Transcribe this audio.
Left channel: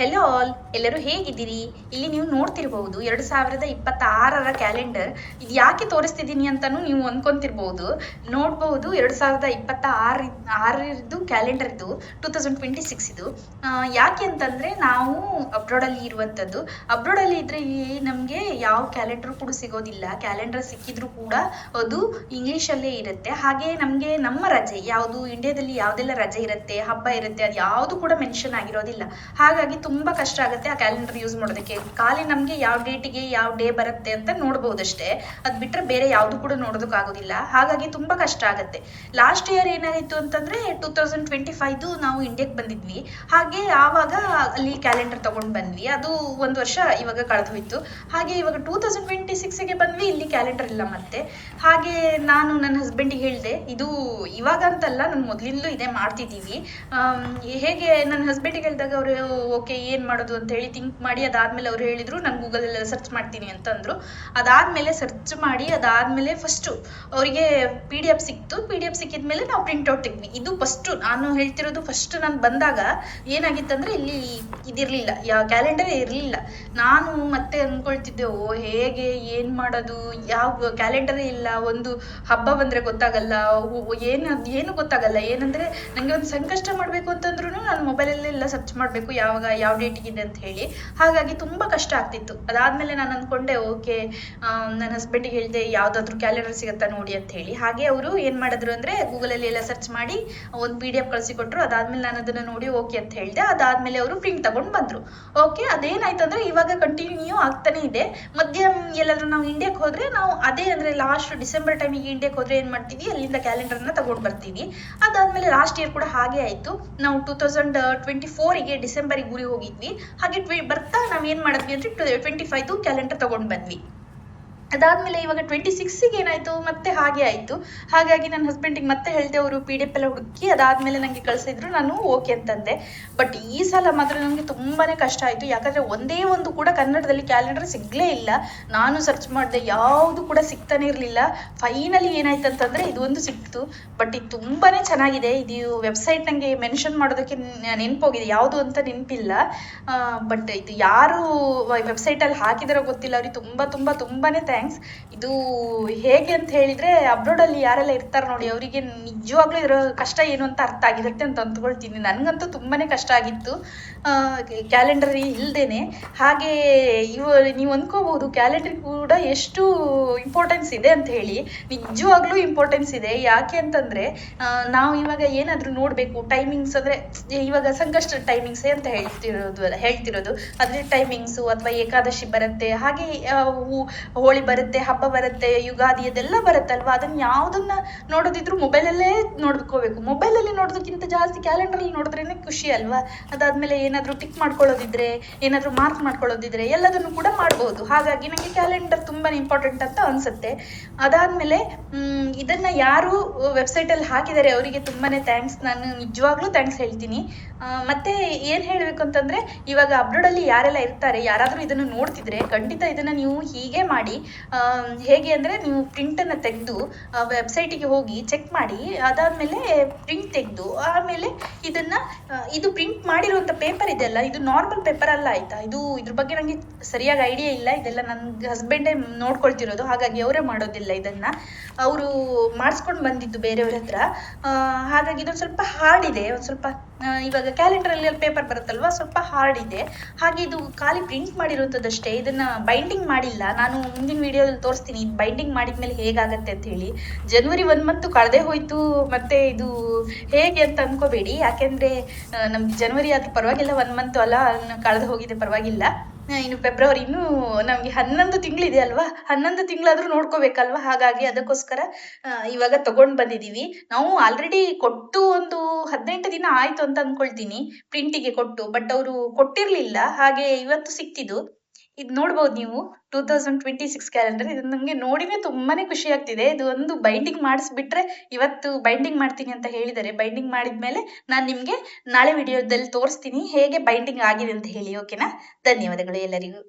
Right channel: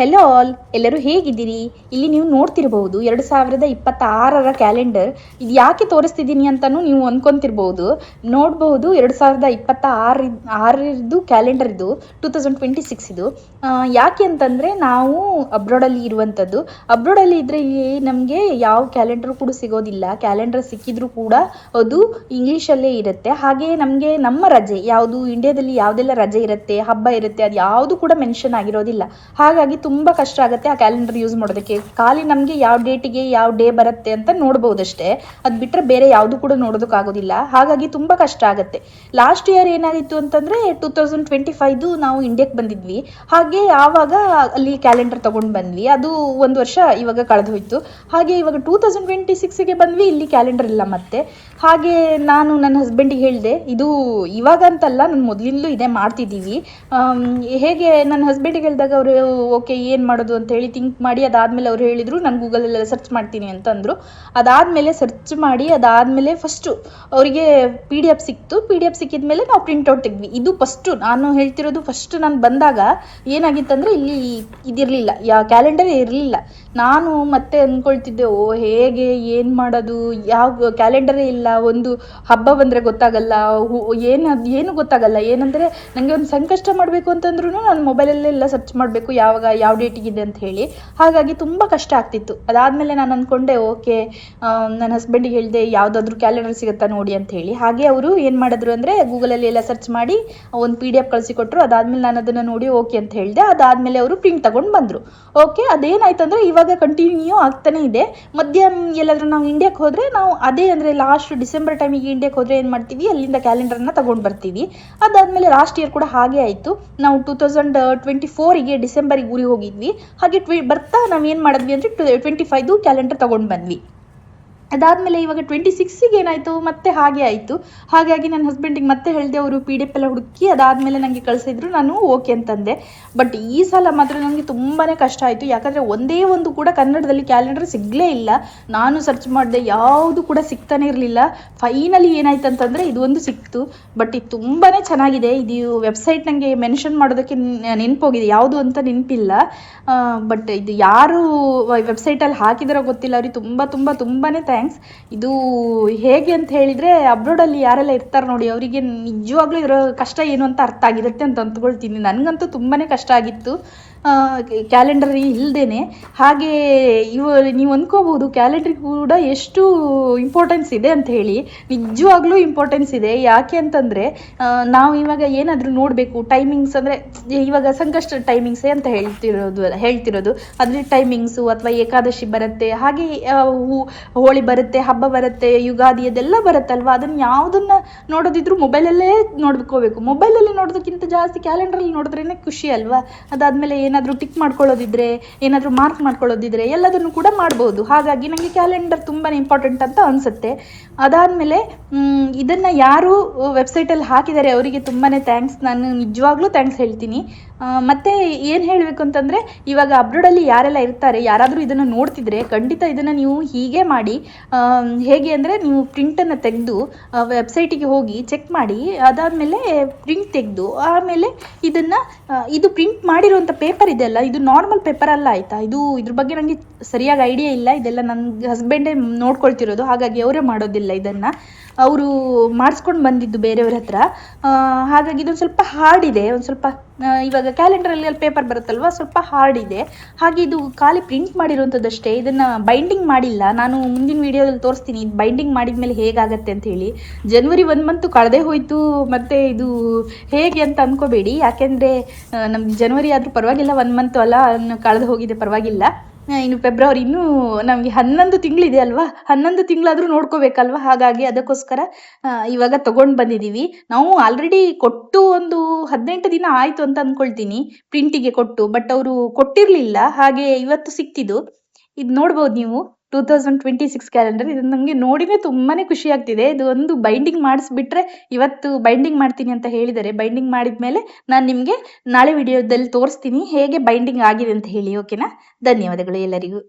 Hello all, ಎಲ್ಲರೂ ಹೇಗಿದ್ದೀರಿ? ಇಲ್ಲಿ ನೀವು ನೋಡ್ತಿರ್ಬಹುದು 2026ರ ಕ್ಯಾಲೆಂಡರ್. ಇದು ಯಾಕೆ ತೋರಿಸ್ತಿದ್ದೀನಿ ಅಂತಲೂ ನೀವು ಅಂದ್ಕೊಂತಿರ್ಬೋದು. ನೋಡ್ಬೋದು 2026 ಕ್ಯಾಲೆಂಡರ್ ಇದು 2026 ಇದು. ಯಾಕೆ ಅಂತಂದರೆ ನಾವು ಅಬ್ರಾಡಲ್ಲಿ ಇರುವಂಥದ್ದು. ಅಬ್ರಾಡಲ್ಲಿ ಇದ್ದರೆ ಇಲ್ಲಿ ನಮಗೆ ಯಾವ ಕ್ಯಾಲೆಂಡರ್ ಕೂಡ ಸಿಗೋದಿಲ್ಲ. ಕ್ಯಾಲೆಂಡರ್ ಸಿಕ್ಕಿದ್ರೂ ಕೂಡ ಅದು ಇಂಗ್ಲೀಷಲ್ಲೇ ಇರುತ್ತೆ. ಹಾಗೆಯೇ ನಮಗೆ ನಮ್ಮ ರಜೆ ಯಾವುದು, ಇಂಡಿಯಾದಲ್ಲಿ ಯಾವುದೆಲ್ಲ ರಜೆ ಇರುತ್ತೆ, ಹಬ್ಬ ಇರುತ್ತೆ, ಅದು ಯಾವುದು ಕೂಡ ಮೆನ್ಷನ್ ಆಗಿರೋದಿಲ್ಲ. ಹಾಗಾಗಿ ತುಂಬ ಕಷ್ಟ ಆಗುತ್ತೆ ಆ ಕ್ಯಾಲೆಂಡರ್ ಯೂಸ್ ಮಾಡೋದಕ್ಕೆ. ಖಾಲಿ ನಮಗೆ ಯಾವ ಡೇಟಿಗೆ ಯಾವ ಡೇ ಬರುತ್ತೆ ಅಂತ ನೋಡ್ಬೋದಷ್ಟೇ. ಅದು ಬಿಟ್ಟರೆ ಬೇರೆ ಯಾವುದು ಕೂಡ ನೋಡೋದಕ್ಕಾಗೋದಿಲ್ಲ. ಹಾಗಾಗಿ ತುಂಬ ಕಷ್ಟ ಆಗುತ್ತೆ. ಲಾಸ್ಟ್ ಇಯರ್ ಏನಾಗಿತ್ತು ಅಂತಂದರೆ 2025 ನಾವು ಇಂಡಿಯಾಕ್ಕೆ ಬಂದಿದ್ವಿ. ಹಾಗೆ ಆವಾಗ ಅಲ್ಲಿ ಕ್ಯಾಲೆಂಡರ್ ತೊಗೊಂಡು ಬಂದ್ವಿ. ಅದು ಒಂದು ವರ್ಷ ಇವಾಗ ಕಳೆದು ಹೋಯಿತು. ಹಾಗೆ ಇವಾಗ 2026ಗೆ ಬಂದ್ವಿ, ಇಲ್ಲಿ ಕ್ಯಾಲೆಂಡರ್ ಇಲ್ಲ ಮತ್ತೆ. ಹಾಗೆ ನಾನು ನನ್ನ ಹಸ್ಬೆಂಡಿಗೆ ಹೇಳಿದೆ, ಇದು ಇವಾಗ ಅಂತಲ್ಲ, ನಾನು ಮೊದಲಿಂದಲೂ ಇದೇ ಮಾಡ್ತಿದ್ದೀವಿ. ಹೇಗೆ ನನ್ನ ಹಸ್ಬೆಂಡಿಗೆ ಹೇಳಿದಾಗ ಅವರು ಓಕೆ ಏನು ಮಾಡೋದು ಅಂತ ಹೇಳಿ ಥಿಂಕ್ ಮಾಡಿ, ಅದಾದಮೇಲೆ ಅವ್ರು ಹೇಳಿದರು ನಾನು ಗೂಗಲಲ್ಲಿ ಸರ್ಚ್ ಮಾಡ್ತೀನಿ ಅಂತಂದರು. ಅದಾದಮೇಲೆ ಸರ್ಚ್ ಮಾಡಿ ಅದಾದಮೇಲೆ ಫಸ್ಟು ಅವರಿಗೆ PDF ಸಿಕ್ತು. PDF ಸಿಕ್ಕಿದ ಮೇಲೆ ನಾವು ಪ್ರಿಂಟೌಟ್ ತೆಗ್ದ್ವಿ. ಇದು ಫಸ್ಟು ನಾನು ಹೇಳ್ತಿರೋದು. ಫಸ್ಟ್ ನಾನು ಬಂದಾಗ ಏನಾಗಿತ್ತಂದರೆ ಇಲ್ಲಿ ಇದಿರಲಿಲ್ಲ, ಕ್ಯಾಲೆಂಡರೇ ಇರಲಿಲ್ಲ. ನಾನು ಮತ್ತೆ ಅಂದ್ಕೊಳ್ತಿದ್ದೆ, ಹೇಗೆ ಏನು ಮಾಡೋದು, ಯಾವ ಕ್ಯಾಲೆಂಡರೇ ಇಲ್ಲ, ಒಂದು ಹಬ್ಬ ಬಂದರೆ ಗೊತ್ತಾಗಲ್ಲ, ಏನು ಗೊತ್ತಾಗಲ್ಲ. ಏನಂದರೆ ನನಗೆ ಒಂದು ಸಂಕಷ್ಟ ಮಾಡಬೇಕು ಅಂತಂದ್ರೂ ನಾನು ಮೊಬೈಲಲ್ಲೆಲ್ಲ ಸರ್ಚ್ ಮಾಡಬೇಕು ಯಾವಾಗ ಯಾವ ಡೇಟಿಗಿದೆ ಅಂತ ಹೇಳಿ. ಹಾಗಾಗಿ ತುಂಬ ಕಷ್ಟ ಆಗ್ತಿತ್ತು. ಅದಾದಮೇಲೆ ನಾನು ಅಂದ್ಕೊಂಡೆ ಓಕೆ, ನನ್ನ ಹಸ್ಬೆಂಡಿಗೆ ಹೇಳಿದೆ ಯಾವುದಾದ್ರೂ ಕ್ಯಾಲೆಂಡರ್ ಸಿಗುತ್ತಾ ನೋಡಿ ಅಂತ ಹೇಳಿ. ಹಾಗೆ ಅವರು ಏನು ಮಾಡಿದ್ರು ಅಂದರೆ ಗೂಗಲಲ್ಲಿ ಎಲ್ಲ ಸರ್ಚ್ ಮಾಡಿ ಒಂದು PDF ಕಳಿಸಿಕೊಟ್ರು. ಅದಾದಮೇಲೆ ನಾನು ಅದನ್ನು ನೋಡಿ ಓಕೆ ಅಂತ ಹೇಳಿದೆ. ಅದಾದಮೇಲೆ ಅವರು ಪ್ರಿಂಟ್ ತಗೊಂಡು ಬಂದರು. ಓಕೆ, ಅದೇನಾಯ್ತು ಅಂದರೆ ಇವಾಗ ಕಂಟಿನ್ಯೂ ಆಗ್ತಾನೆ ಇದೆ. ಮಧ್ಯ ಎಲ್ಲಾದರೂ ನಾವು ಇಂಡಿಯಾಕ್ಕೆ ಹೋದರೆ ನಾವು ಅದೇ ಅಂದರೆ ಲಾಸ್ಟ್ ಡಿಸೆಂಬರ್ ಟೈಮಿಗೆ ಇಂಡಿಯಾಕ್ಕೆ ಹೋದರೆ ಏನು ಮಾಡ್ತೀವಿ, ಅಲ್ಲಿಂದ ಕ್ಯಾಲೆಂಡರ್ನ ತಗೊಂಡು ಬರ್ತೀವಿ. ಅದಾದಮೇಲೆ ಲಾಸ್ಟ್ ಇಯರ್ ಕೂಡ ಹಾಗೆ ಆಯಿತು. ನಾವು 2024ಗೆ ಡಿಸೆಂಬರಿಗೆ ಊರಿಗೆ ಹೋಗಿದ್ವಿ. ಹಾಗೆ ಬರ್ತಾ ನಾವು ಏನು ಮಾಡಿದ್ವಿ ಅಂದರೆ 25 ಕ್ಯಾಲೆಂಡರ್ ತಗೊಂಡು ಬಂದ್ವಿ. ಅದಾದಮೇಲೆ ಇವಾಗ 26ಗೆ ಏನಾಯಿತು, ಮತ್ತೆ ಹಾಗೆ ಆಯಿತು. ಹಾಗಾಗಿ ನನ್ನ ಹಸ್ಬೆಂಡಿಗೆ ಮತ್ತೆ ಹೇಳಿದೆ, ಅವರು PDF ಎಲ್ಲ ಹುಡುಕಿ ಅದಾದಮೇಲೆ ನನಗೆ ಕಳಿಸಿದ್ರು. ನಾನು ಓಕೆ ಅಂತಂದೆ. ಬಟ್ ಈ ಸಲ ಮಾತ್ರ ನನಗೆ ತುಂಬಾ ಕಷ್ಟ ಆಯಿತು. ಯಾಕಂದರೆ ಒಂದೇ ಒಂದು ಕೂಡ ಕನ್ನಡದಲ್ಲಿ ಕ್ಯಾಲೆಂಡರ್ ಸಿಗಲೇ ಇಲ್ಲ. ನಾನು ಸರ್ಚ್ ಮಾಡಿದೆ, ಯಾವುದು ಕೂಡ ಸಿಗ್ತಾನೆ ಇರಲಿಲ್ಲ. ಫೈನಲಿ ಏನಾಯ್ತು ಅಂತಂದರೆ ಇದು ಒಂದು ಸಿಕ್ತು. ಬಟ್ ಇದು ತುಂಬಾ ಚೆನ್ನಾಗಿದೆ. ಇದು ವೆಬ್ಸೈಟ್ ನನಗೆ ಮೆನ್ಷನ್ ಮಾಡೋದಕ್ಕೆ ನೆನಪೋಗಿದೆ, ಯಾವುದು ಅಂತ ನೆನಪಿಲ್ಲ. ಬಟ್ ಇದು ಯಾರು ವೆಬ್ಸೈಟಲ್ಲಿ ಹಾಕಿದಾರೋ ಗೊತ್ತಿಲ್ಲ. ಅವ್ರಿಗೆ ತುಂಬಾ ಥ್ಯಾಂಕ್ಸ್. ಇದು ಹೇಗೆ ಅಂತ ಹೇಳಿದರೆ, ಅಬ್ರಾಡಲ್ಲಿ ಯಾರೆಲ್ಲ ಇರ್ತಾರೆ ನೋಡಿ, ಅವರಿಗೆ ನಿಜವಾಗ್ಲೂ ಇದರ ಕಷ್ಟ ಏನು ಅಂತ ಅರ್ಥ ಆಗಿರುತ್ತೆ ಅಂತ ಅಂದ್ಕೊಳ್ತೀನಿ. ನನಗಂತೂ ತುಂಬಾ ಕಷ್ಟ ಆಗಿತ್ತು ಕ್ಯಾಲೆಂಡರ್ ಇಲ್ಲದೇನೆ. ಹಾಗೆ ನೀವು ಅಂದ್ಕೋಬೋದು ಕ್ಯಾಲೆಂಡರ್ ಕೂಡ ಎಷ್ಟು ಇಂಪಾರ್ಟೆನ್ಸ್ ಇದೆ ಅಂತ ಹೇಳಿ. ನಿಜವಾಗ್ಲೂ ಇಂಪಾರ್ಟೆನ್ಸ್ ಇದೆ. ಯಾಕೆ ಅಂತಂದರೆ ನಾವು ಇವಾಗ ಏನಾದರೂ ನೋಡಬೇಕು, ಟೈಮಿಂಗ್ಸ್ ಅಂದರೆ ಇವಾಗ ಸಂಕಷ್ಟ ಟೈಮಿಂಗ್ಸೇ ಅಂತ ಹೇಳ್ತಿರೋದು ಅದ್ರ ಟೈಮಿಂಗ್ಸು, ಅಥವಾ ಏಕಾದಶಿ ಬರುತ್ತೆ, ಹಾಗೆ ಹೋಳಿ ಬರುತ್ತೆ, ಹಬ್ಬ ಬರುತ್ತೆ, ಯುಗಾದಿ ಅದೆಲ್ಲ ಬರುತ್ತಲ್ವ. ಅದನ್ನು ಯಾವುದನ್ನು ನೋಡೋದಿದ್ರು ಮೊಬೈಲಲ್ಲೇ ನೋಡ್ಕೋಬೇಕು. ಮೊಬೈಲಲ್ಲಿ ನೋಡೋದಕ್ಕಿಂತ ಜಾಸ್ತಿ ಕ್ಯಾಲೆಂಡ್ರಲ್ಲಿ ನೋಡಿದ್ರೇ ಖುಷಿ ಅಲ್ವಾ. ಅದಾದಮೇಲೆ ಏನಾದರೂ ಟಿಕ್ ಮಾಡ್ಕೊಳ್ಳೋದಿದ್ರೆ, ಏನಾದರೂ ಮಾರ್ಕ್ ಮಾಡ್ಕೊಳ್ಳೋದಿದ್ರೆ ಎಲ್ಲದನ್ನು ಕೂಡ ಮಾಡ್ಬೋದು. ಹಾಗಾಗಿ ನನಗೆ ಕ್ಯಾಲೆಂಡರ್ ತುಂಬಾ ಇಂಪಾರ್ಟೆಂಟ್ ಅಂತ ಅನಿಸುತ್ತೆ. ಅದಾದಮೇಲೆ ಇದನ್ನು ಯಾರು ವೆಬ್ಸೈಟಲ್ಲಿ ಹಾಕಿದ್ದಾರೆ ಅವರಿಗೆ ತುಂಬಾ ಥ್ಯಾಂಕ್ಸ್. ನಾನು ನಿಜವಾಗ್ಲೂ ಥ್ಯಾಂಕ್ಸ್ ಹೇಳ್ತೀನಿ. ಮತ್ತು ಏನು ಹೇಳಬೇಕು ಅಂತಂದರೆ, ಇವಾಗ ಅಬ್ರಾಡಲ್ಲಿ ಯಾರೆಲ್ಲ ಇರ್ತಾರೆ, ಯಾರಾದರೂ ಇದನ್ನು ನೋಡ್ತಿದ್ರೆ ಖಂಡಿತ ಇದನ್ನು ನೀವು ಹೀಗೆ ಮಾಡಿ. ಹೇಗೆ ಅಂದರೆ, ನೀವು ಪ್ರಿಂಟನ್ನು ತೆಗೆದು ವೆಬ್ಸೈಟಿಗೆ ಹೋಗಿ ಚೆಕ್ ಮಾಡಿ, ಅದಾದಮೇಲೆ ಪ್ರಿಂಟ್ ತೆಗೆದು ಆಮೇಲೆ ಇದು ಪ್ರಿಂಟ್ ಮಾಡಿರುವಂಥ ಪೇಪರ್ ಇದೆಯಲ್ಲ, ಇದು ನಾರ್ಮಲ್ ಪೇಪರ್ ಅಲ್ಲ ಆಯಿತಾ. ಇದ್ರ ಬಗ್ಗೆ ನನಗೆ ಸರಿಯಾಗಿ ಐಡಿಯಾ ಇಲ್ಲ. ಇದೆಲ್ಲ ನನ್ನ ಹಸ್ಬೆಂಡೇ ನೋಡ್ಕೊಳ್ತಿರೋದು, ಹಾಗಾಗಿ ಅವರೇ ಮಾಡೋದಿಲ್ಲ. ಇದನ್ನು ಅವರು ಮಾಡಿಸ್ಕೊಂಡು ಬಂದಿದ್ದು ಬೇರೆಯವ್ರ ಹತ್ರ. ಹಾಗಾಗಿ ಇದೊಂದು ಸ್ವಲ್ಪ ಹಾರ್ಡ್ ಇದೆ. ಒಂದು ಸ್ವಲ್ಪ ಇವಾಗ ಕ್ಯಾಲೆಂಡರಲ್ಲಿ ಅಲ್ಲಿ ಪೇಪರ್ ಬರುತ್ತಲ್ವ, ಸ್ವಲ್ಪ ಹಾರ್ಡ್ ಇದೆ. ಹಾಗೆ ಇದು ಖಾಲಿ ಪ್ರಿಂಟ್ ಮಾಡಿರುವಂಥದ್ದಷ್ಟೇ. ಇದನ್ನು ಬೈಂಡಿಂಗ್ ಮಾಡಿಲ್ಲ. ನಾನು ಮುಂದಿನ ವೀಡಿಯೋದಲ್ಲಿ ತೋರಿಸ್ತೀನಿ ಬೈಂಡಿಂಗ್ ಮಾಡಿದ ಮೇಲೆ ಹೇಗಾಗತ್ತೆ ಅಂತ ಹೇಳಿ. ಜನವರಿ 1 ಮಂತು ಕಳೆದೇ ಹೋಯಿತು. ಮತ್ತು ಇದು ಹೇಗೆ ಅಂತ ಅಂದ್ಕೋಬೇಡಿ. ಯಾಕೆಂದರೆ ನಮ್ಗೆ ಜನವರಿ ಆದರೂ ಪರವಾಗಿಲ್ಲ, 1 ಮಂತು ಅಲ್ಲ, ಕಳೆದು ಹೋಗಿದೆ, ಪರವಾಗಿಲ್ಲ. ಇನ್ನು ಫೆಬ್ರವರಿ, ಇನ್ನೂ ನಮಗೆ 11 ತಿಂಗಳಿದೆ ಅಲ್ವಾ. 11 ತಿಂಗಳಾದರೂ ನೋಡ್ಕೋಬೇಕಲ್ವ. ಹಾಗಾಗಿ ಅದಕ್ಕೋಸ್ಕರ ಇವಾಗ ತೊಗೊಂಡು ಬಂದಿದ್ದೀವಿ. ನಾವು ಆಲ್ರೆಡಿ ಕೊಟ್ಟು ಒಂದು 18 ದಿನ ಆಯಿತು ಅಂತ ಅಂದ್ಕೊಳ್ತೀನಿ, ಪ್ರಿಂಟಿಗೆ ಕೊಟ್ಟು. ಬಟ್ ಅವರು ಕೊಟ್ಟಿರಲಿಲ್ಲ, ಹಾಗೆ ಇವತ್ತು ಸಿಕ್ಕಿದ್ದು. ಇದು ನೋಡ್ಬೋದು ನೀವು 2026 ಕ್ಯಾಲೆಂಡರ್. ಇದು ನನಗೆ ನೋಡಿದರೆ ತುಂಬಾ ಖುಷಿ ಆಗ್ತಿದೆ. ಇದು ಒಂದು ಬೈಂಡಿಂಗ್ ಮಾಡಿಸ್ಬಿಟ್ರೆ, ಇವತ್ತು ಬೈಂಡಿಂಗ್ ಮಾಡ್ತೀನಿ ಅಂತ ಹೇಳಿದ್ದಾರೆ. ಬೈಂಡಿಂಗ್ ಮಾಡಿದ ಮೇಲೆ ನಾನು ನಿಮಗೆ ನಾಳೆ ವಿಡಿಯೋದಲ್ಲಿ ತೋರಿಸ್ತೀನಿ ಹೇಗೆ ಬೈಂಡಿಂಗ್ ಆಗಿದೆ ಅಂತ ಹೇಳಿ. ಓಕೆನಾ? ಧನ್ಯವಾದಗಳು ಎಲ್ಲರಿಗೂ.